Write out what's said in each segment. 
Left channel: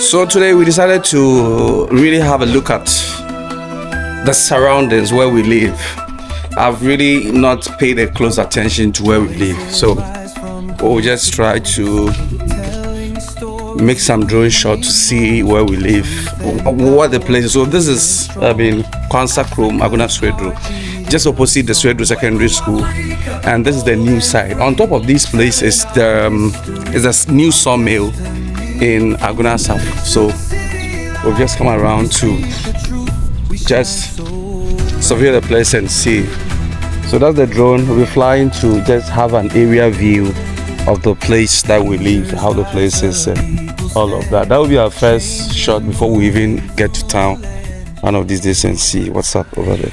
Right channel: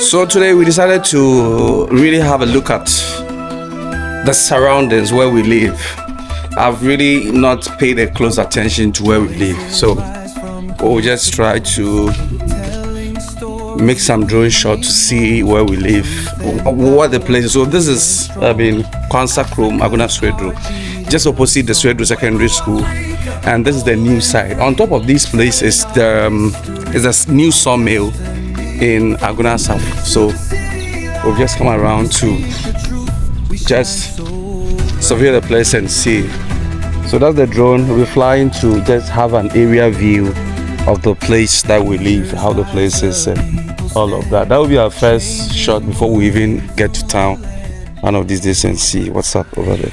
So today we decided to really have a look at the surroundings where we live. I've really not paid a close attention to where we live, so we'll just try to make some drone shot to see where we live, what the place is. So this is Kwansa Krom Aguna Swedru, just opposite the Swedru Secondary School, and this is the new site. On top of this place is a new sawmill in Aguna South. So we've just come around to just survey the place and see. So that's the drone. We'll be flying to just have an area view of the place that we live, how the place is and all of that. That will be our first shot before we even get to town one of these days and see what's up over there.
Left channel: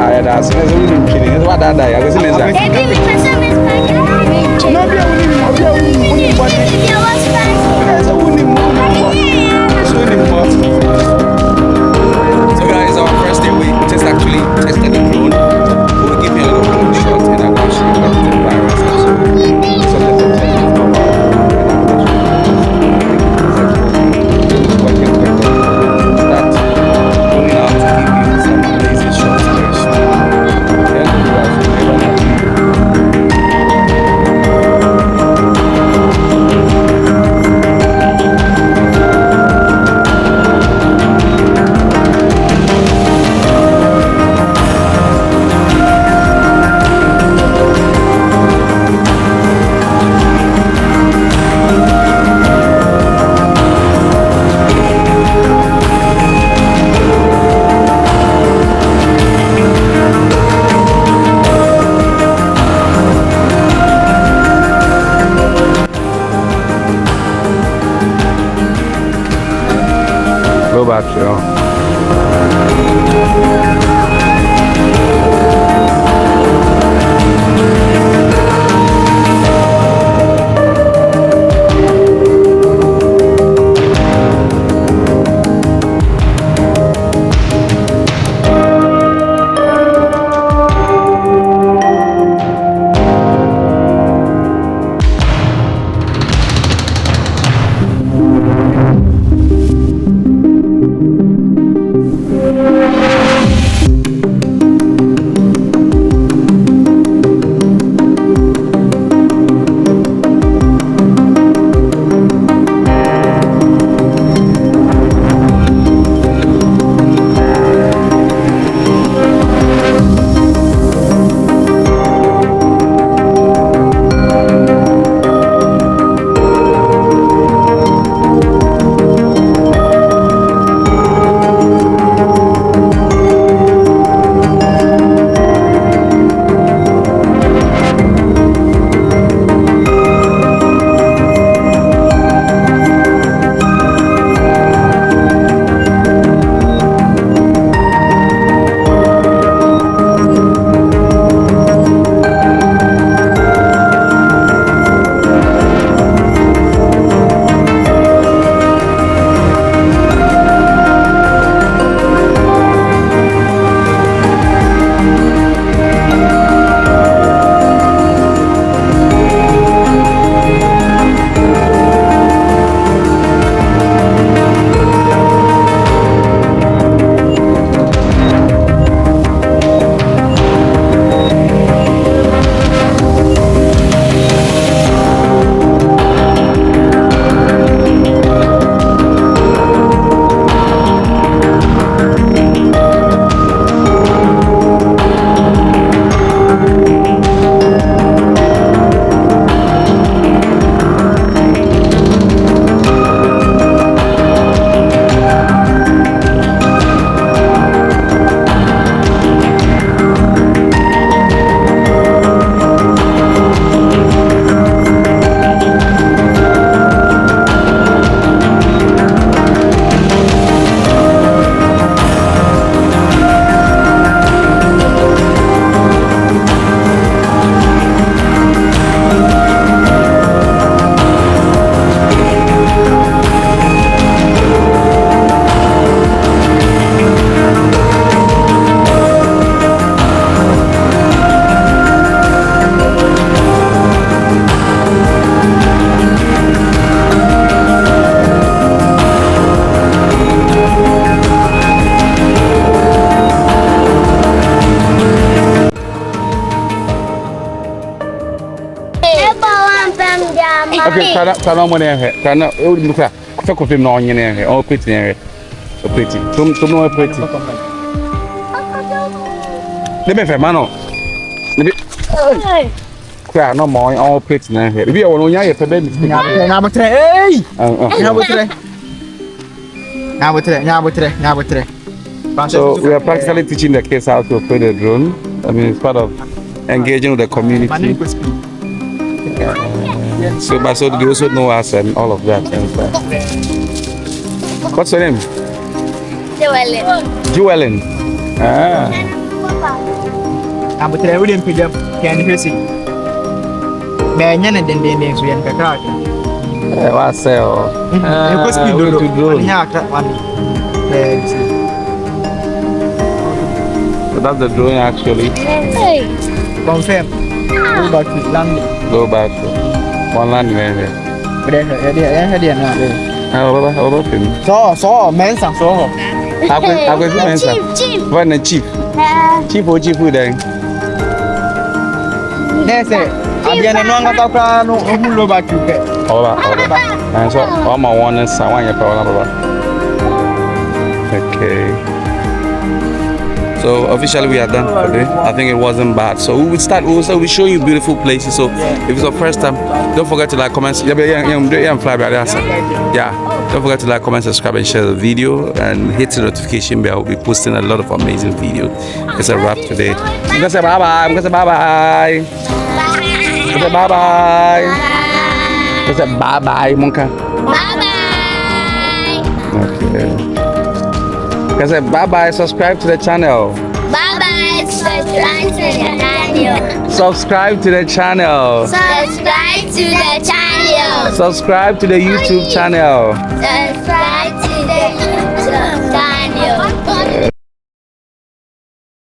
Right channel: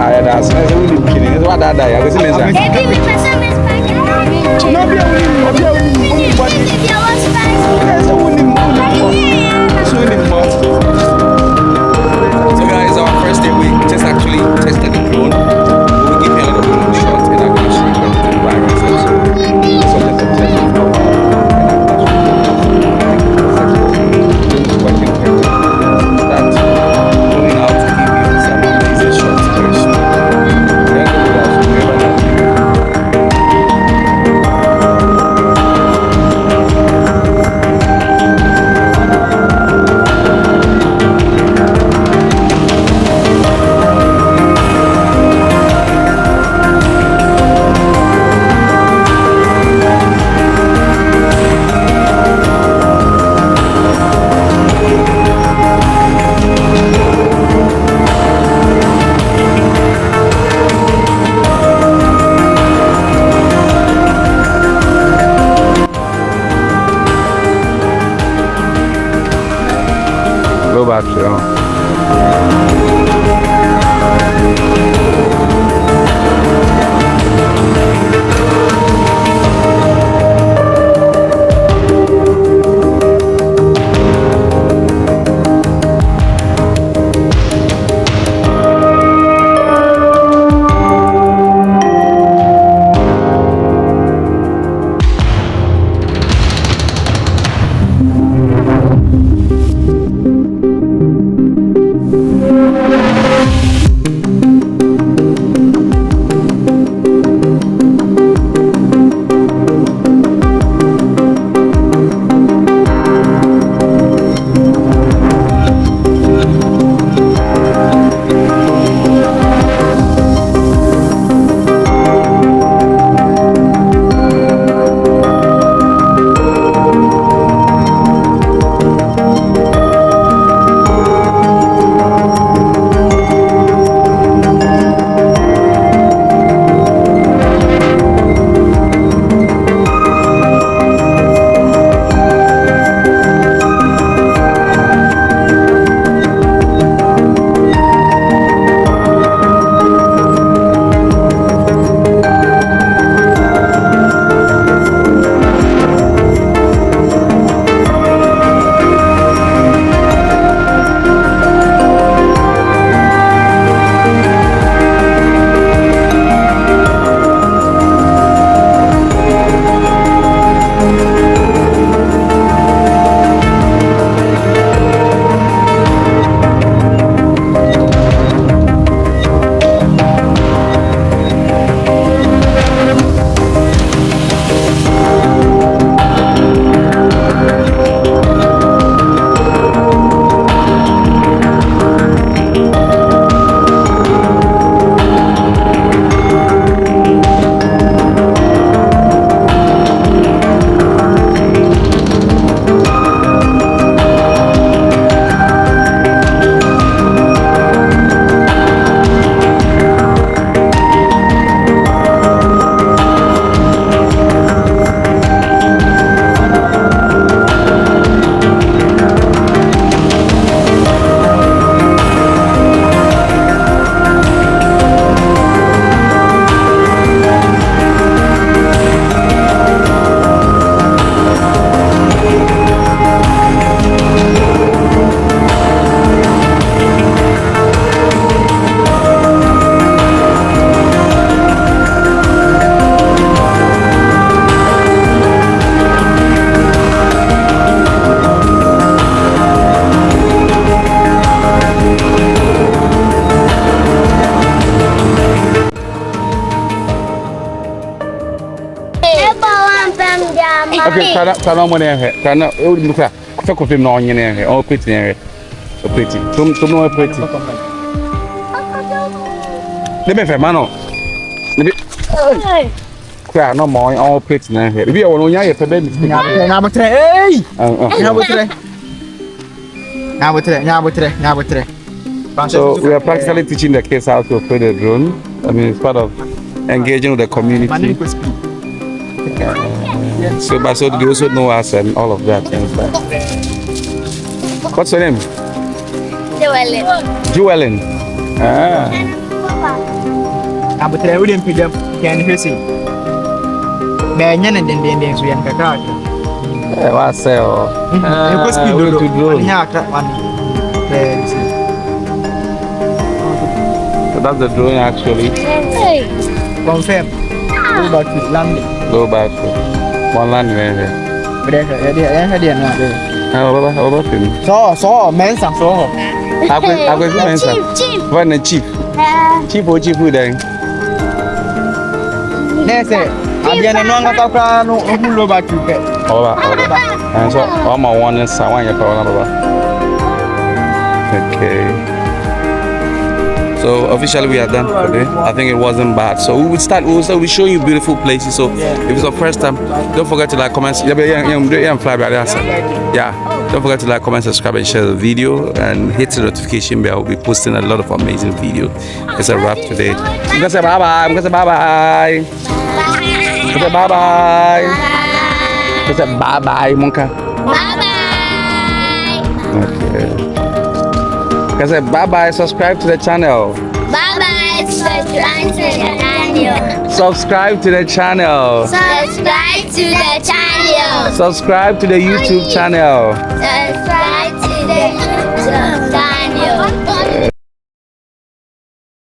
I that's we need training. What that I go see me. No be So guys, our first day we just actually tested the drone. We'll give you a little drone shot and I'm gonna show you the virus and so subject of test is not powerful and I'm gonna show you the successful. Drone is working perfectly. Start going out to give you some amazing shots very soon. Then go with us, we'll never know. Low battery on. Okay, turn on money here. Turn on. You look at. Talk of him now. You know here. Oh, pretty here. So pretty. Some more pretty. Let me find mano. Let me. Kaya no more. Oh, pretty here. If you want to hear, pebe. So we are practically teaching the kids how to operate the drone. I mean, it's part of engaging with the community. So they also know us and all of that. What's your name? Joellen. Joellen. Ah. Abutre we dem pidam can hwesi. Be nya na den so yan kakra kakra. What say? Oh, Go speed to drone. Nya akra one. So that's the drone actually. Hey. Confirm. Go back to landing. Go back. One landing there. But there no. Over film. So mensa so. Aku mensa. Chief. What the chief? Chief who then? Nese. Abiana no ngakakra no ohulo back to pet. Over. And so all my one is someone you probably. Okay. So officially we are done for today. I think it wasn't bad. So we will start. We will show you beautiful places. So if it's your first time, don't forget to like, comment. Yeah. Don't forget to like, comment, subscribe, and share the video, and hit the notification bell. We'll be posting a lot of amazing videos. It's a wrap today. I'm gonna say bye bye. I'm gonna say bye bye. I'm gonna say bye bye. I'm gonna say bye bye, Monka. Bye bye. Okay. I said bye bye. Subscribe to the channel. Bye bye. Subscribe to the channel. Subscribe to the channel. Subscribe to the channel. Subscribe to the YouTube channel. Subscribe to the YouTube channel.